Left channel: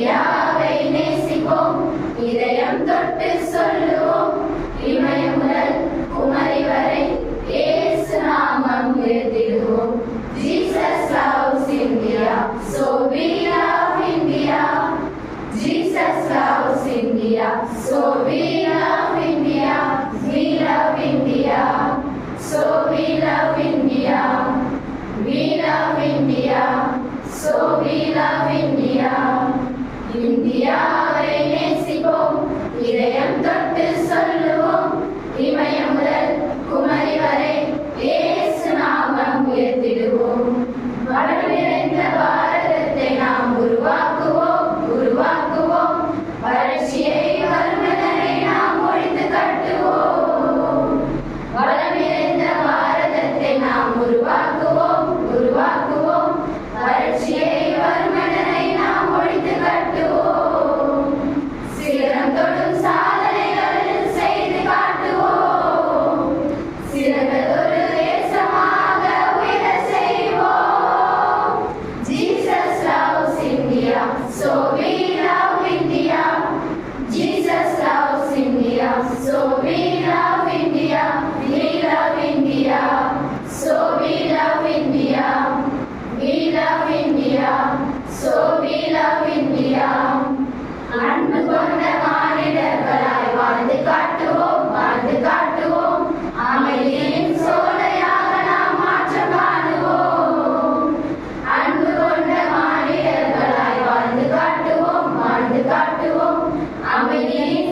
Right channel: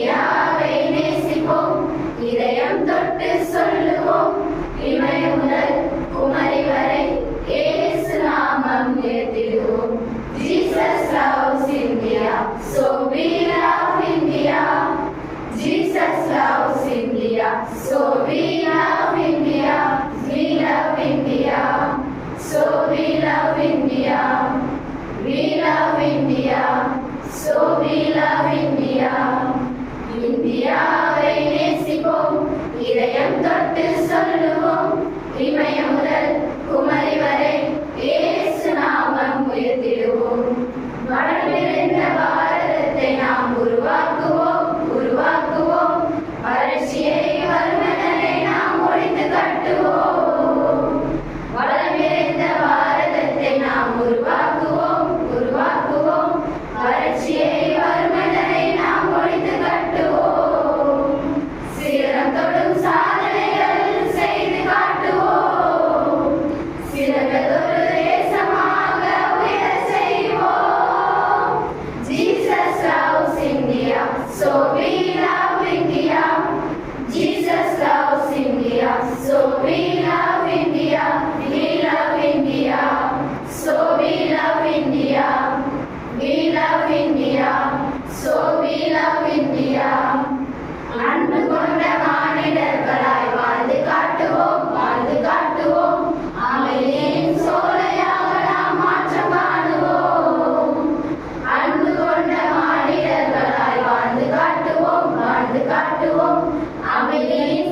இந்தியாவை நேசிப்போம், இதயம் தொட்டு சொல்லுவோம். இமயம் முதல் குமரி வரை இயேசு நாமம் உயர்த்திடுவோம். Jesus loves India, so we love India. Jesus loves India, so we love India. We love India, so we love India. We love India, so we love India. இந்தியாவை நேசிப்போம், இதயம் தொட்டு சொல்லுவோம். இமயம் முதல் குமரி வரை இயேசு நாமம் உயர்த்திடுவோம். வளர்ந்த பாரதத்தை நாம் உருவாக்குவோம், உருவாக்குவோம். வறட்சியை வறுமையை நாம் ஒழித்து கட்டுவோம். வளம் நிறைந்த பாரதத்தை நாம் உருவாக்குவோம், உருவாக்குவோம். வறட்சியை வறுமையை நாம் ஒழித்து கட்டுவோம். சிகரம் தொடும் சாதனைகள் செய்து காட்டுவோம். சிறந்ததொரு தேசமாக உயர செய்வோம். Jesus loves India, so we love India. Jesus loves India, so we love India. We love India, so we love India. We love India, so we love India. அன்பு கொண்ட மானிடர்களாய் வாழ்ந்து காட்டுவோம், வாழ்ந்து காட்டுவோம். அமைதியின் சோலையாக நாம் மாற்றம் காணுவோம். அன்பு கொண்ட மானிடர்களாய் வாழ்ந்து காட்டுவோம், வாழ்ந்து காட்டுவோம். அமைதியின்